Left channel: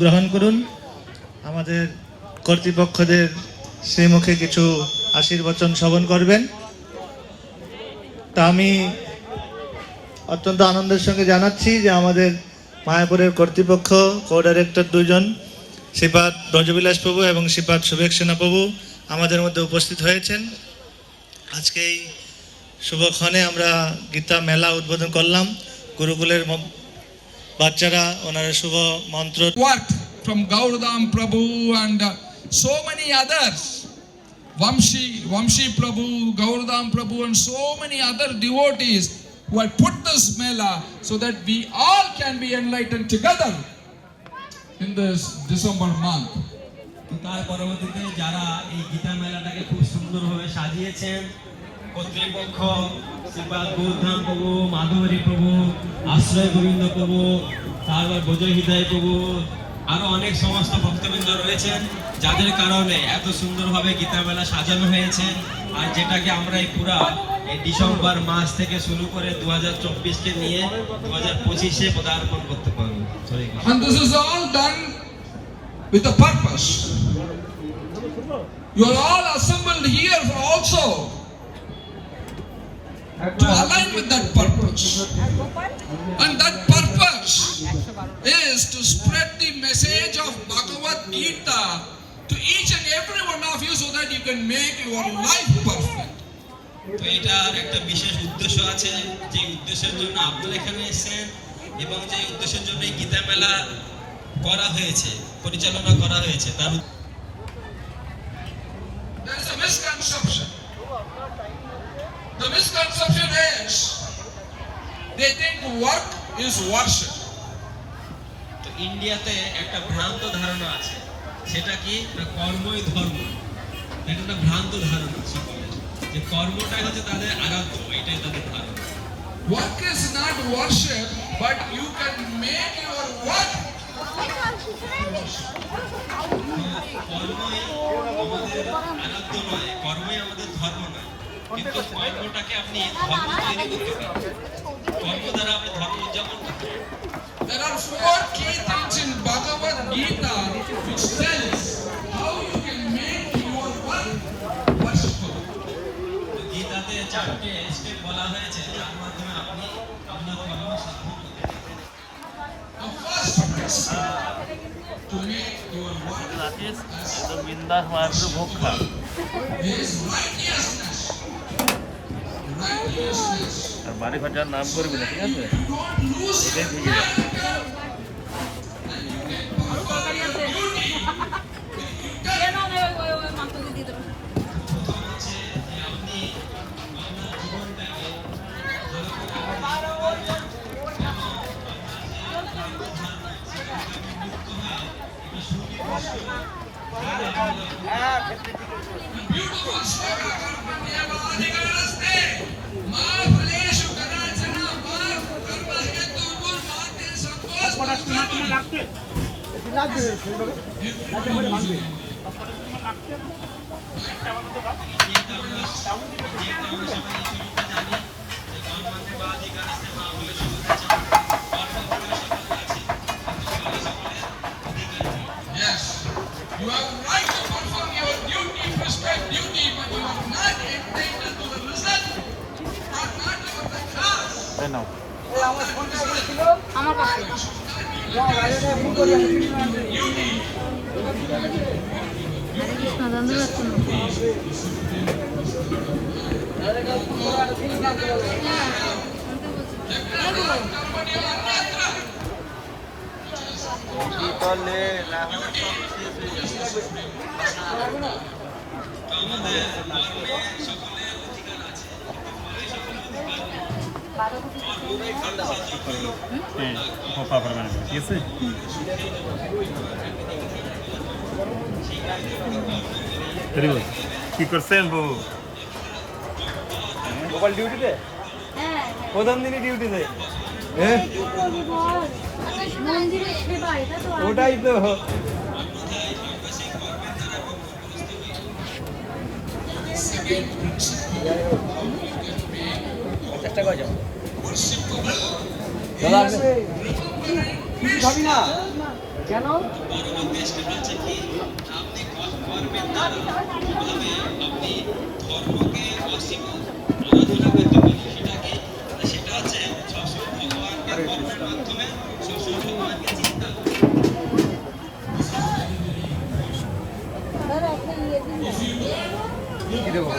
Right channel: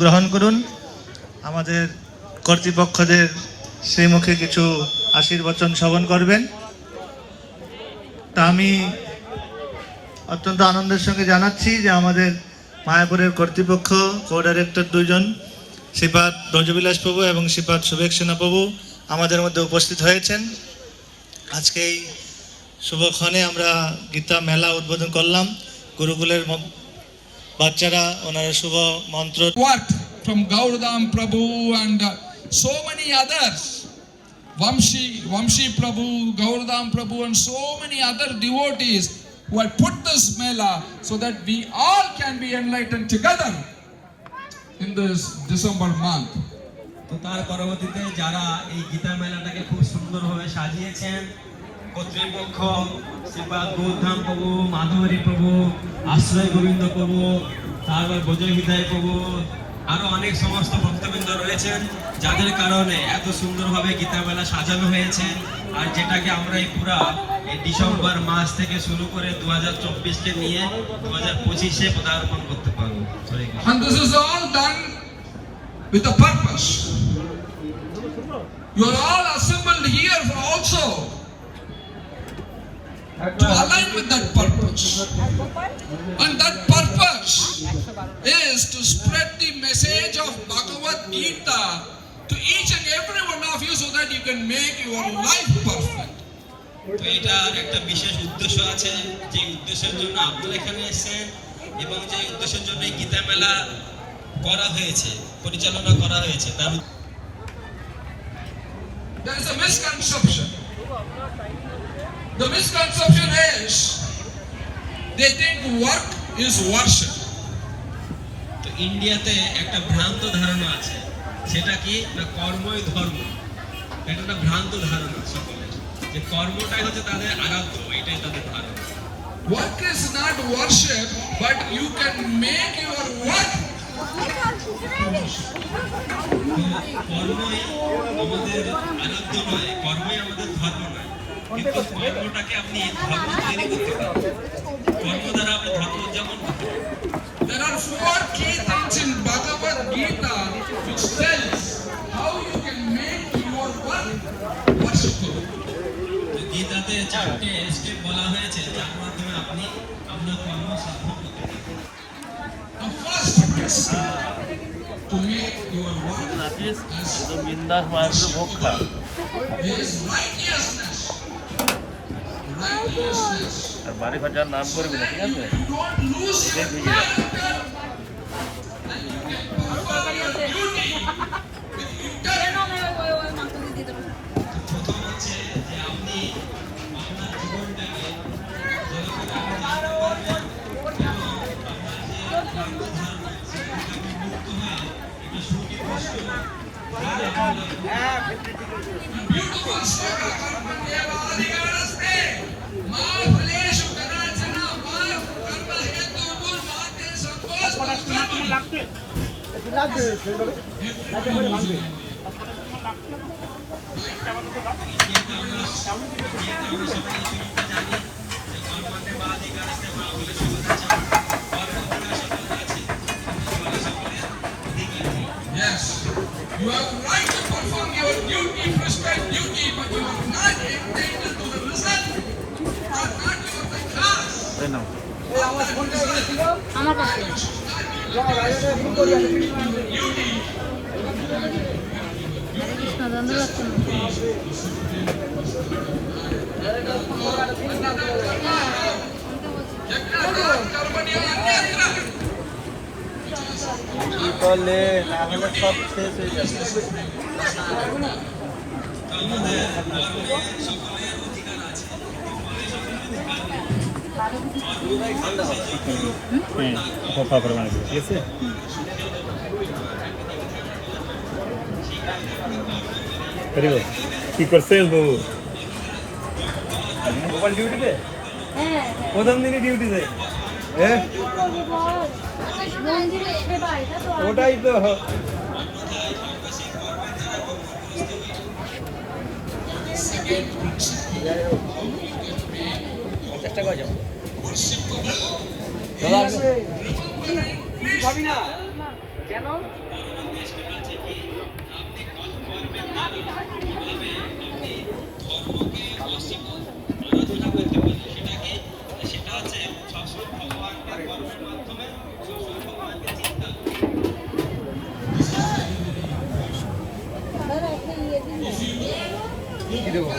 গ্রহণ করুন। আমাদের কর্তৃপক্ষদের শ্রীমুখে কিছু আশীর্বচন শ্রবণ করবেন। তা আমি অত্যন্ত আনন্দের সঙ্গে জানাচ্ছি যে আমাদের মায়াপুরের কর্তৃপক্ষ কো ডাইরেক্টর দুইজন শ্রীপাদ ব্রজবিলাস প্রভু এবং শ্রীপাদ শুভেচ্ছেনা প্রভু আমাদের মধ্যে উপস্থিত হয়েছেন। আজকে এই শুভক্ষণে আমরা গীতা মেলা উদ্বোধন করলাম। গুরুকুলের বাচ্চারা ওনারা শুভ মন্ত্র work from Gauradam Prabhu and so many others, Vamshi Prabhu, Gauradam Prabhu and so many other devotees who have put this mela so that we all can be enlightened together in this December month. তো তার পরবর্তীতে যারা এই গীতা মেলাটাকে খুব সুন্দরভাবে সাজিয়েছেন, কর্তৃপক্ষ শ্রীপাদ গৌরধাম প্রভু, মাধবরী প্রভু, আশ্রয় গোবিন্দ প্রভু, তারপর ব্রজ হৃদয় প্রভু, আরো অনেক সমস্ত ভক্তবৃন্দ রয়েছেন যাদের কারণে এত সুন্দরভাবে গীতা মেলা সাজানো হয়েছে। আর যেটাকে আমরা এই পুরা এই ডিসেম্বর মাস থেকে শুরু করে 2024কে নিয়ে 2025-এ পদার্পণ করতে পারবো। And this is all done with a purpose. You are all assembled here also to align with that purpose. And that purpose is to spread the message of Bhagavad Gita to each and every one of you so that you can make your life perfect. তো এটার একটা বিশেষ উদ্দেশ্য আছে, যে উদ্দেশ্যের জন্য আপনারা এখানে এসেছেন এবং যে উদ্দেশ্যের জন্য এই গীতা মেলা করা হয়েছে, পরিচালনা করা হয়েছে, তার There is a misconception. The misconception is they think work is worship. তো ইন্ডিয়াতে একটা ভ্রান্ত ধারণা আছে, সেটা কি না কর্মই ধর্ম। এটা একটা ভ্রান্ত ধারণা সকলের, যে কর্মটাই হচ্ছে তাদের আরাধ্য, এটাই তাদের ধারণা। Work is not worship, but you can make your work to worship. কর্মই আমাদের আরাধ্য নয়, কর্মই আমাদের ধর্ম নয়, কিন্তু কর্মটাকে আপনি ধর্ম তৈরি করতে পারেন, কর্ম দ্বারা আপনি ধর্ম উদযাপন করতে পারেন। There are 4 key things in Bhagavad Gita which tells how you can make your work worshipful. গীতাতে 4টে স্টেপ বলা হয়েছে, যা যার মাধ্যমে আপনি আপনার কর্ম সাধন করতে পারেন। The first principle to make your work বিন্দাস মায়াপুরে ভোগ খা is righteousness. Righteousness. আর বাড়ি খরচার নাম করবি না, ঠিক আছে? You don't lose your ঠিক আছে। character. And you can perform your duty with integrity. প্রথম হচ্ছে যে আপনি আপনার জীবনটাকে Beautiful sloka karmaneva adhikaraste. Ma phaleshu kanachana ma karma hetu gur mate sankos. Yes, you have the right to perform your duty, prescribed duty, but you are not entitled to the result. You are not of the class. তাই না? আমার কাছে হরে কৃষ্ণ ধন্যবাদ। কি করলে না হলে সব শেষ হয়ে যাবে। আমাদের কর্মে সকলের অধিকার আছে। হ্যাঁ, খোপা করে বানাবো, ঠিক আছে? কি করছেন বাবু? মোবাইল ডিউটিতে? প্রথম দিকে ডিউটিতে? মন্দিরে সেবা, এটা তো ওটাই তো। চেষ্টা করে যাও। ভাবি না কেন পরবর্তী স্টেপ হচ্ছে কি আপনি কর্মের দ্বারা কিভাবে আপনি ধর্মকে অস্বীকার আরাধনা করতে পারেন। সেটা হচ্ছে সবসময় ভগবানকে কর্মের মাধ্যমে সবসময় ভগবানকে চিন্তা করা। দাদা একটা ইয়ে দিন কি দেবো?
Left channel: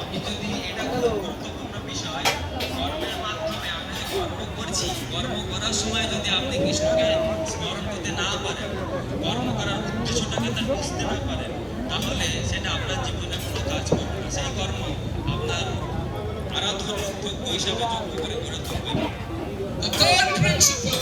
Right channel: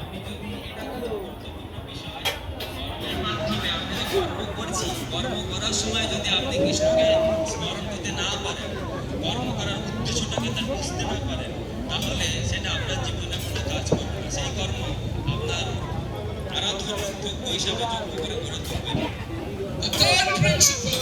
আপনি যদি এটা খুব গুরুত্বপূর্ণ বিষয়, কর্মের মাধ্যমে আমরা যে কর্ম করছি, কর্ম করার সময় যদি আপনি কৃষ্ণকে স্মরণ করতে না পারেন, কর্ম করার উদ্দেশ্যটাকে তার বুঝতে না পারেন, তাহলে সেটা আপনার জীবনে কোনো কাজ করবে না। সেই কর্ম আপনার আরাধনা যোগ্য হিসাবে যোগ্য করে গড়ে তুলবে না। The third principle